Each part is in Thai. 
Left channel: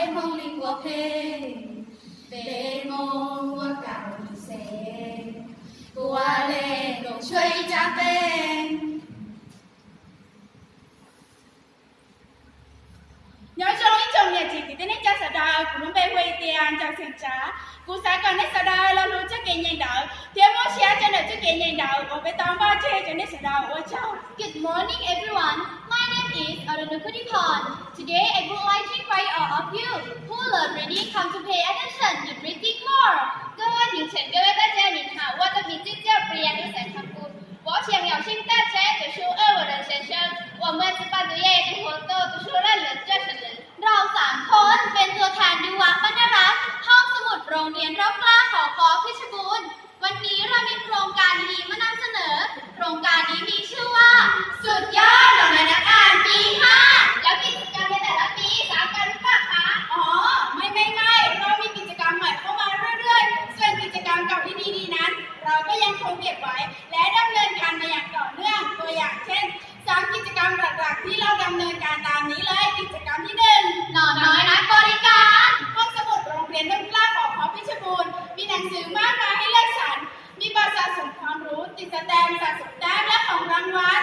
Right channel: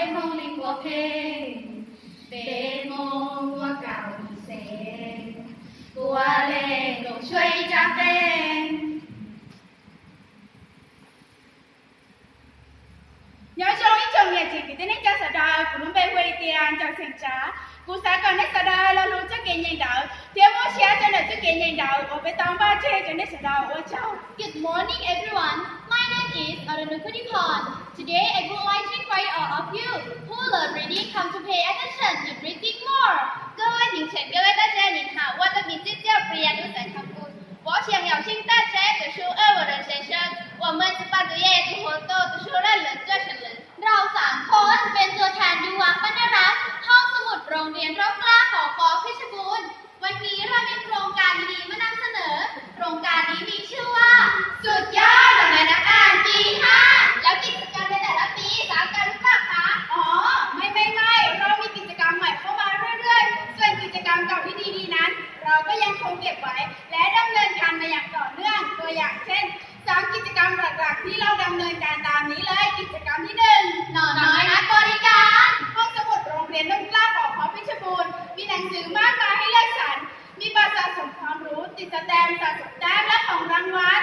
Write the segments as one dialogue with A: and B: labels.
A: bên mong linh của phê để mong qua cảo sẽ. Qua lệ đồng chơi cha tên. Nhớ trong những chồng nhà chị thì tên cha sợ đời, cũng bé quay tiền chồng sừng trá. Cô xã còn nét sợ đời lâu luôn chắc kiện nhanh đợi. Thiếu muốn xe cho nợ chắc kiện nhanh đợi, còn bé tóm ba chê cho nét sợ đời. Ôi châu
B: Good morning, everyone. My name is Arunukutipan. Today, I would like to invite all of you who learn reading come to pay attention in reading more. 各位您请各位大家您好，我的名字叫 Priya Nusa 我想邀请大家读书二我的学生，我们是班主任读活动读书认人做成人。เราสามคนเป็นตัวแทนยุวบรรณรักษ์ห้องสมุดโรงเรียนร่มกล้าของกอเพชรบูรณ์ วันนี้เรามีโครงการดีๆมานำเสนอ โครงการนี้มีชื่อว่า สุดยอด มาก
A: มายให้เลือกสรรมีบัตรสะสมความรู้ติดสแตมป์สะสมแต้มและของรางวัล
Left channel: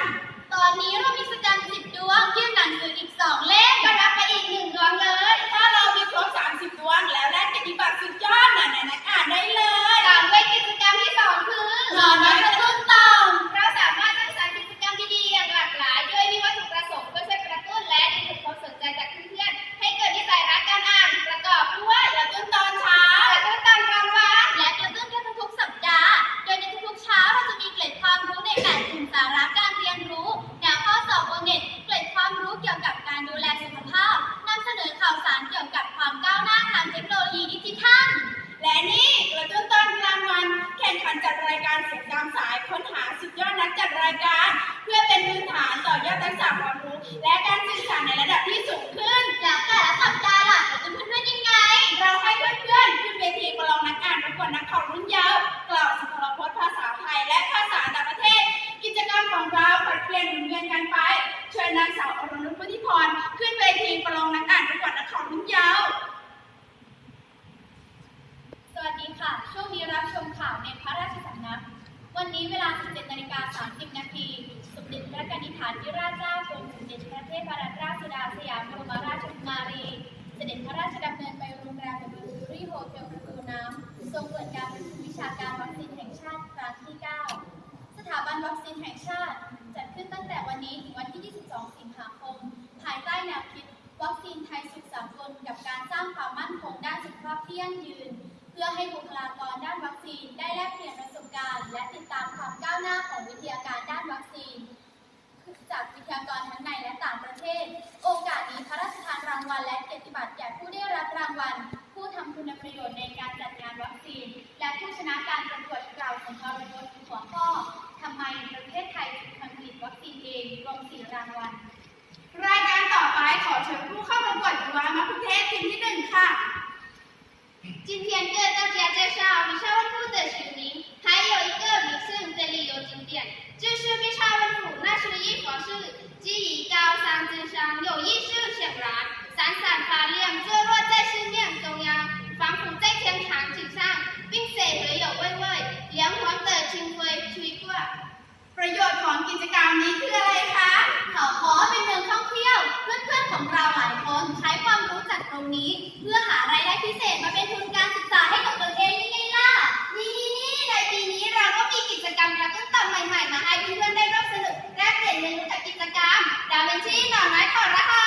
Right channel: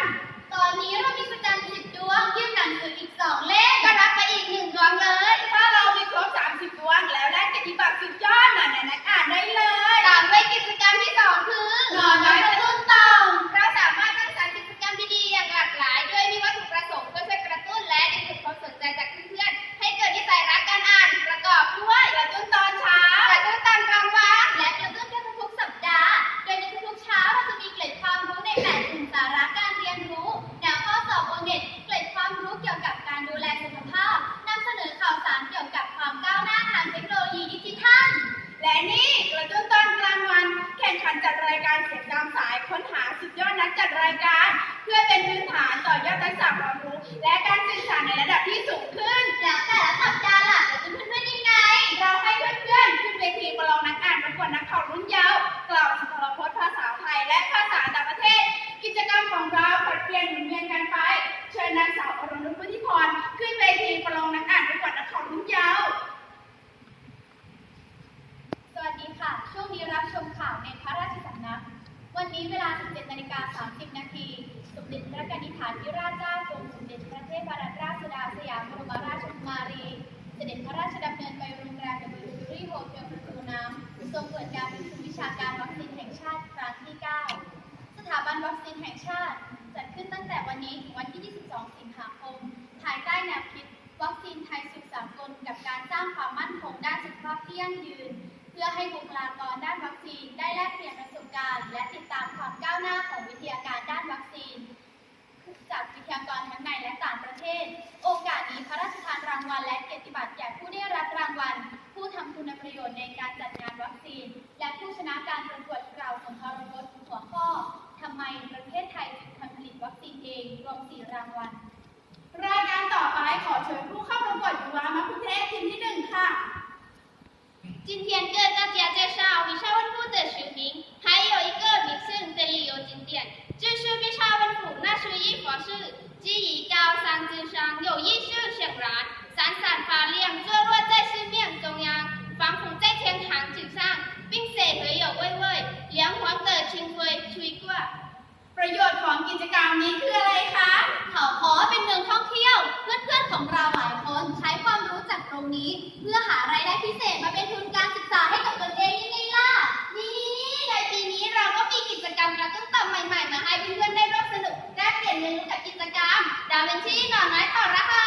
B: ตอนนี้เรามีสกันสิบดวงยื่นหนังสืออีกสองเล่มก็รับไปอีกหนึ่งดวงเลย
A: ถ้าเรามีครบ30ดวงแล้วได้กิจบัตรสุดยอดหน่อยๆนักอ่านได้เลย
B: ตามไปกิจกรรมที่สองคือนอนน้อยกระตุ้ รายการ เพื่อเป็
A: น
B: พื้น
A: ฐานต่อยอดทักษะความรู้ และการสื่อสารในระดับที่สูงขึ้น
B: แล้วแต่ละสัปดาห์ล่ะเราจะเพื่อนๆยังไง
A: เราให้เพื่อนๆขึ้นเวทีประลองนักอ่านประกวดนักข่าวรุ่นเยาว์กล่าว เสด็
B: จพระราชดำเนินไปโรงแรมเดอะเบลลี่โฮเทลประตูน้ำทรงเปิดการประชุมวิชาการวัคซีนแห่งชาติครั้งที่ 9 สถาบันวัคซีนแห่งชาติ จัดขึ้นตั้งแต่วันนี้ถึงวันที่ 22 สิงหาคม ภายใต้แนวคิด วัคซีนไทยสุขสากลกับการสร้างความมั่นคงด้านสุขภาพที่ยั่งยืน เพื่อให้บุคลากรด้านวัคซีนได้แลกเปลี่ยนประสบการณ์ และติดตามความก้าวหน้าของวิทยาการด้านวัคซีน จากวิทยากรทั้งในและต่างประเทศ โอกาสนี้พระราชทานรางวัลและเกียรติบัตรแก่ผู้ได้รับรางวัล ผู้ทำคุณประโยชน์ในการจัดงานวัคซีน และผู้ชนะการประกวดกล่าวสุนทรพจน์หัวข้อทำไมประเทศไทยถึงผลิตวัคซีนเองรวมสี่รางวัล
A: รายการต่อไปขอเชิญผู้เข้าประกวดยุวามะคุเทศทีมที่หนึ่งค่ะ
B: 今天跟大家介绍毕沙文府的学名，还有一个名胜的旅游景点， 就是毕沙文府那是一佛寺，基于高山之上，有一树显然，闪闪发亮，坐落在寺庙中央，仿佛在天堂之上，并且还有微微凉黄的清风吹过。
A: ประโยชน์ของกิจกรรมนี้คืออะไรคะ
B: เขาขอเป็นเมืองท่องเที่ยว เพื่อนๆของเราหลายคนใช้ความรู้จากตรงนี้ เพื่อหารายได้พิเศษ ดาวินชีหน่อไม้
A: ข
B: อรหั
C: ส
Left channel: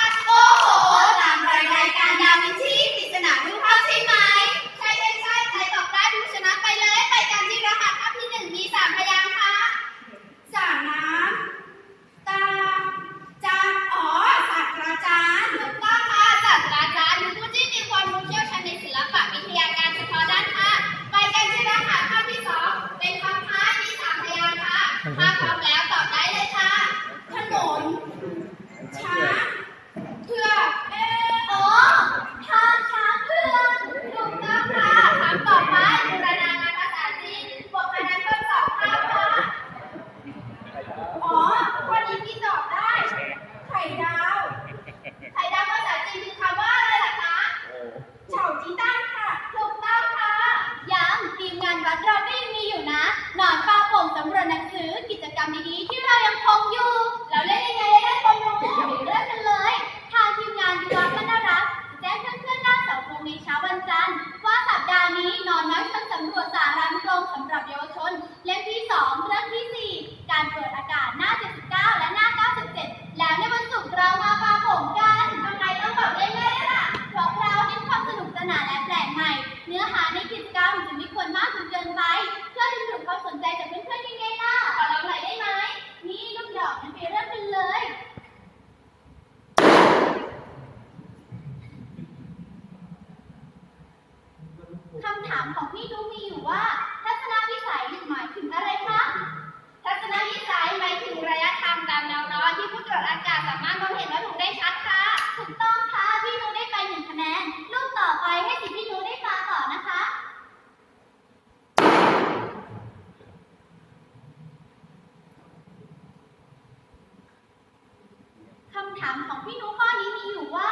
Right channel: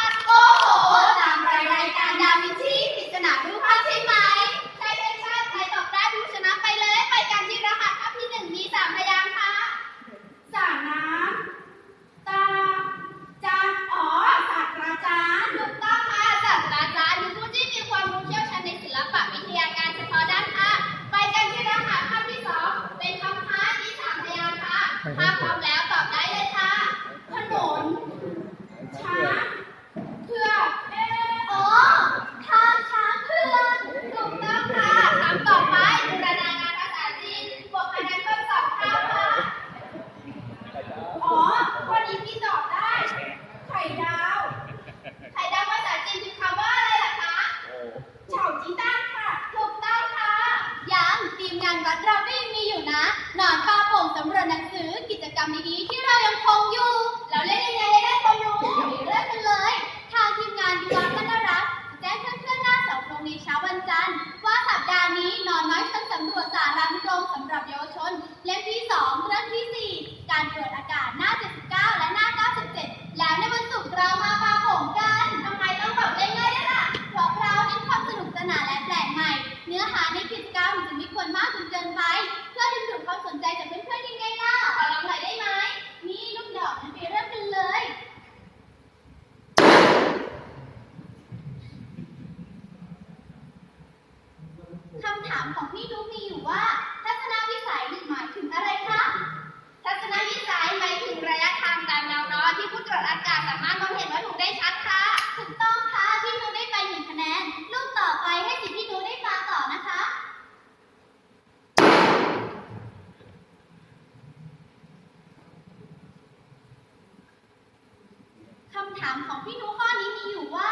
C: ำ
B: ถามของพี่นุข้อนี้มีอยู่ว่า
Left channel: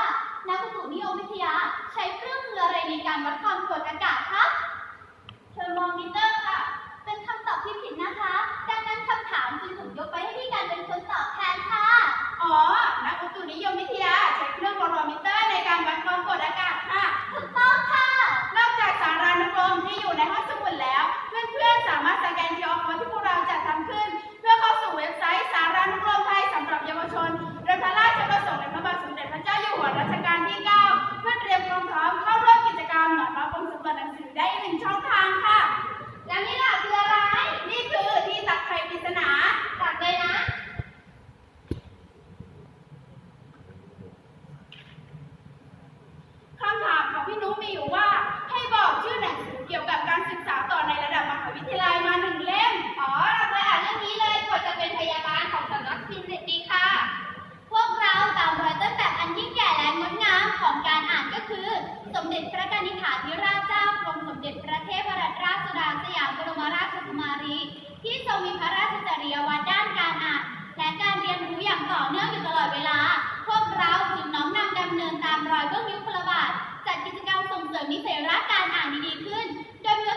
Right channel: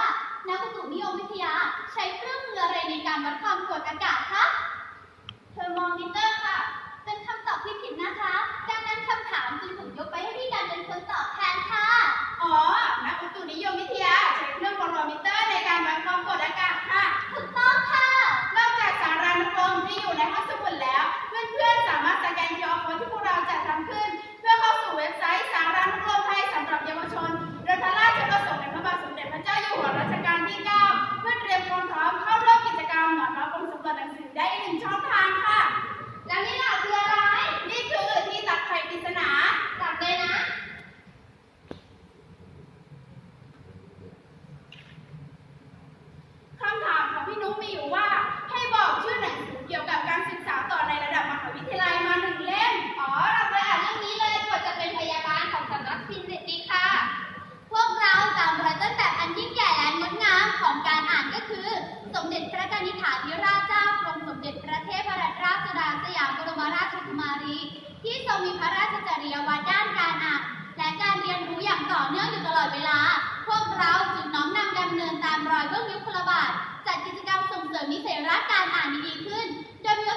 B: นักอุตุนิยมวิทยาใช้เครื่องมืออะไรในการวัดความกดอากาศคะเทอร์โมมิเตอร์ค่ะ เป็นคำตอบที่ผิดนะคะ ดังนั้นคำถามจึงถูกยกไปให้พี่การเป็นคนตอบแทนค่ะ
A: อ๋อ นักอุตุนิยมวิทยา ได้หนึ่งช่องทางค่ะ
C: แล้วนี่ล่ะคืออะไร
A: นี่คือที่ตักไข่ปริศนา
C: ตักเลยนะ
A: คำถามของพี่นุ้มีอยู่ว่า ให้บอกชื่อหนังสือเกี่ยวกับการศึกษาต่อในระดับมหาวิทยาลัยมาหนึ่งเล่ม
C: อ๋อ เราไปอ่านเรื่องนี้เลยกว่าจะเป็นพยาบาลของสำนักพิมพ์เด็ดดีค่ะ
B: พวกเราตามรอยต้นแบบอันยิ่งใหญ่และงดงามของการอ่านก็คือ สมเด็จพระกนิษฐาธิราชเจ้า เด็จพระเทพรัตนราชสุดาสยามบรมราชกุมารี ที่ทรงมีพระราชจริยวัตรด้านการอ่านและการเรียนรู้อย่างต่อเนื่องอยู่ตลอดเวลา พวกเราจึงน้อมนำดำเนินตามรอยเบื้องยุคพลบาทจัดกิจกรรมส่งเสริมนิสัยรักการอ่านดีๆขึ้น โดยมี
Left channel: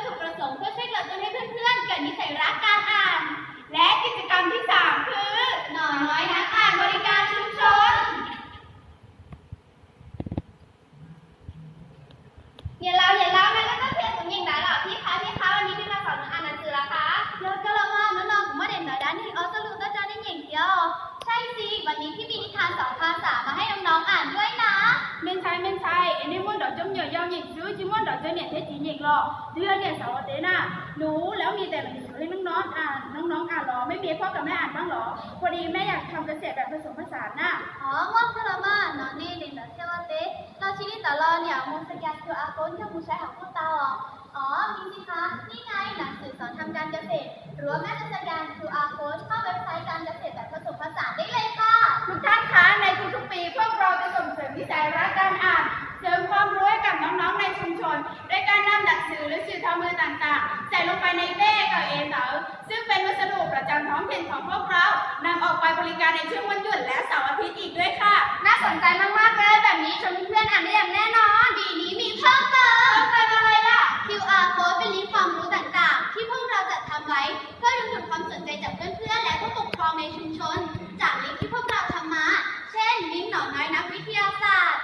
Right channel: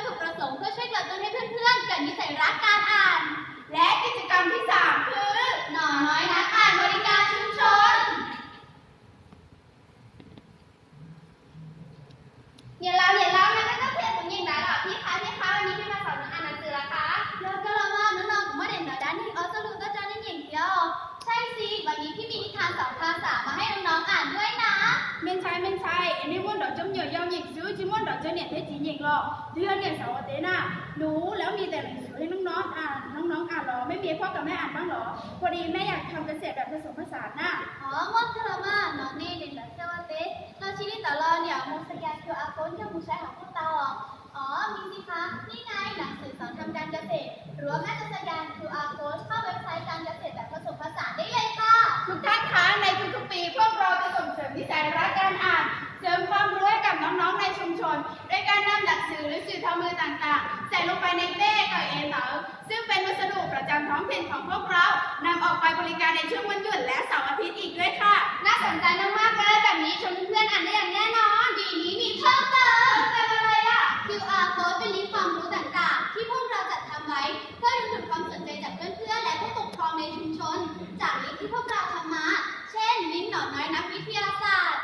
B: อก
A: จำเหนียวยาวหยิกซื้อจิมันดอกเจเนี่ยเทจีหยิกหรอเดือนเนี่ยสาวเตน่ะหนูแล้วมีแต่หนังสือให้น้องๆอ่านน้องๆอ่านหรอไม่มีพ่อกับแม่อ่านบ้างหรอพอดีแม่อยากทำเกษตรแบบผสมผสานน่ะ
B: อ๋อง่วงคือละมาน้อนี่เด่นดอกเชื่อว่าเต๊เราชีวิตแต่เราเนี่ยมุสยาคืออาโกนที่มูใช้ของพวกตาหรออ๋อมีสิคะนี่ไงหนังสือสอนทำการเกษตรหรือว่าแม่จะสแกน QR code เข้าเว็บไซต์การเกษตรแบบผสมผสานได้เลยค่ะ
A: ทุกท่านคะในทุกๆปีพวกเราจะส่งเสริมนิสัยรักการอ่านเสริมความรู้ น้องๆในชุมชนด้วยการนำหนังสือหรือสื่อทำมือต่างๆ ใส่ลงไปในเป้กับเอเต๋อซึ่งเป็นวัสดุประจำท้องถิ่นของพวกเรานำออกไปบริการในช่วงวันหยุดและเสาร์อาทิตย์อีกด้วยค่ะ
C: น่าสนใจมากๆเลยแบบนี้ชวนเพื่อนๆอ่านได้อย่างแน่นอน
B: ดีนี้มีเพิ่มเติม
C: เพิ่มเติมอะไรล่ะ
B: QR code เป็นลิงก์ความรู้ต่างๆ ที่พวกเราจัดทำไว้เพื่อดึงดูดความสนใจจากเพื่อนๆและผู้ปกครองในชุมชน จากลิงก์ที่พวกเราทำมา เช่น ลิงก์หนอนน้อยนักวิทยาศาสตร์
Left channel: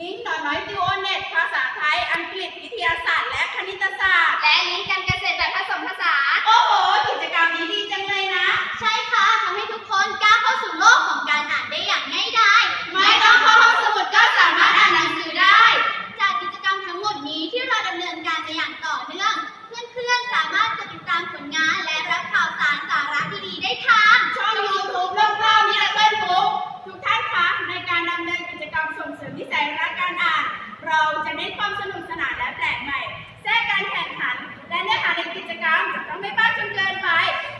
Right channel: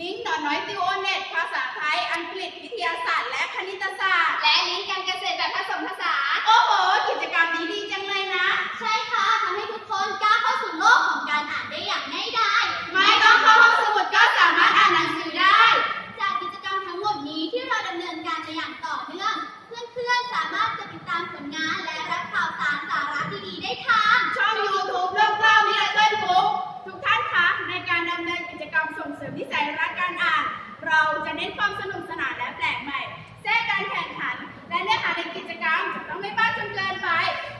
A: ลิงก์หนอนน้อยติวโอ อังกฤษวิทยาศาสตร์และคณิตศาสตร์
C: และลิงก์การเกษตรแบบผสมผสาน
A: โอ้โห กิจกรรมนี้ดีจังเลยนะ
B: ใช่ค่ะทำให้ทุกคนกล้าเข้าสู่โลกของการอ่านได้อย่างง่ายดาย
A: ไม่ต้องเข้าห้องสมุดก็สามารถอ่านหนังสือได้
B: จากกิจกรรมทั้งหมดนี้ที่เราดำเนินการในอย่างต่อเนื่อง เพื่อนๆสามารถจะติดตามผลงานและรับข่าวสารสาระดีๆได้ทาง
A: ช่อง YouTube เรื่องเล่ามิราเคิลบุ๊กทุกท่านคะในการดำเนินกิจกรรมส่งเสริมนิสัยรักการอ่าน เราจะเน้นความสนุก ไม่มากจนเกินไป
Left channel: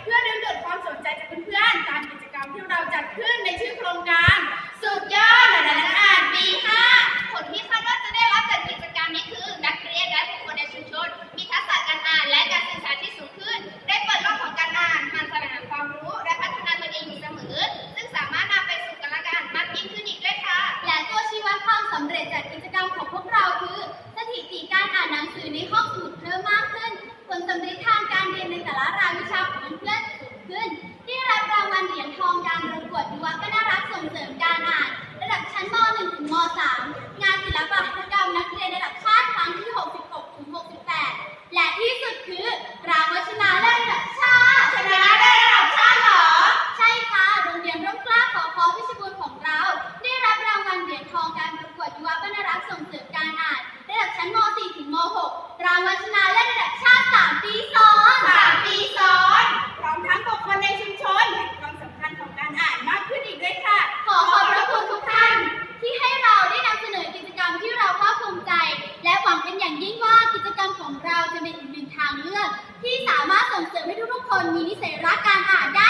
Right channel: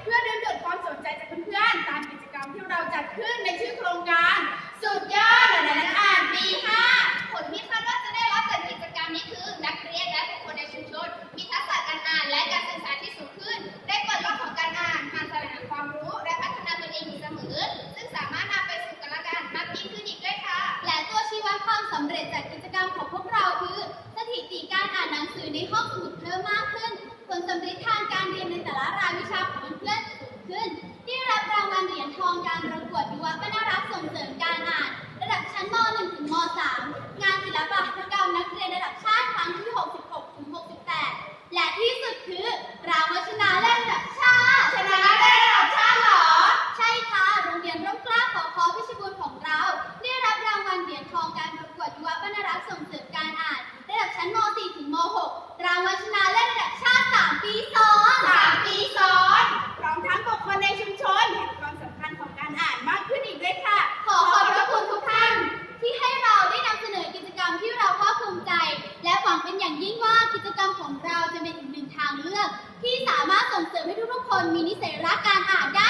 A: เพื่อดึงดูดความสนใจจากเพื่อนๆ ตามกิจกรรมที่เราจัดขึ้นในชื่อโครงการสุดยอดเลยนักอ่านปี5
C: ผลที่คาดว่าจะได้รับจากกิจกรรมนี้คือ นักเรียนและบุคคลในชุมชน มีทักษะการอ่านและการสื่อสารที่สูงขึ้น ได้เปิดโลกของการอ่านมันแสวงหาความรู้ และพัฒนาตนเองอยู่เสมอ ซึ่งสามารถนำไปสู่การละกันมากยิ่งขึ้นอีกด้วยค่ะ
B: และตัวชี้วัดความสำเร็จจาก รายวิชาของเพื่อนสูงขึ้นได้รับรางวัลเหรียญทองการประกวดยุวบรรณรักส่งเสริมการอ่าน ระดับชั้นม .1 ถึงม .3 งานศิลปหัตถกรรมนักเรียนระดับ และการอ่านได้